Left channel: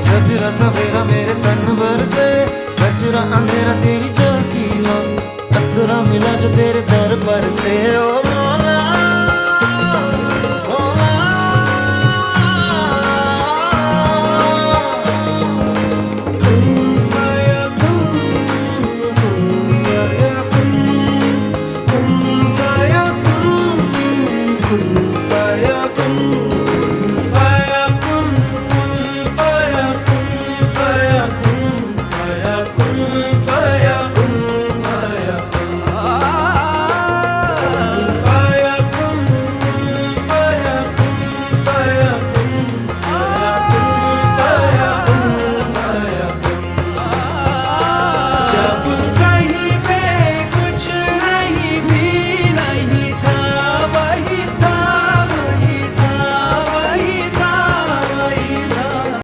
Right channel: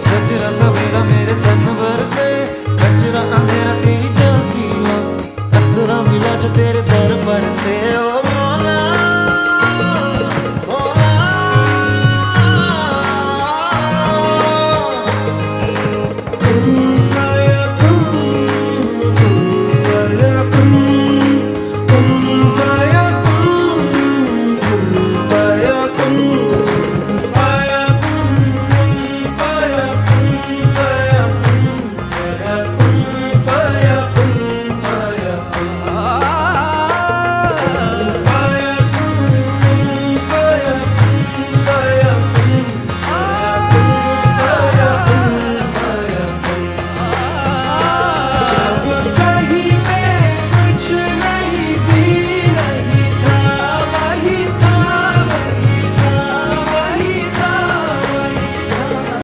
सजरा सवेरा मेरे तन भर से, कचरा अंधेरा तेरी जलती ला, कतरा मिला जो तेरे दर पर से। ओ मौला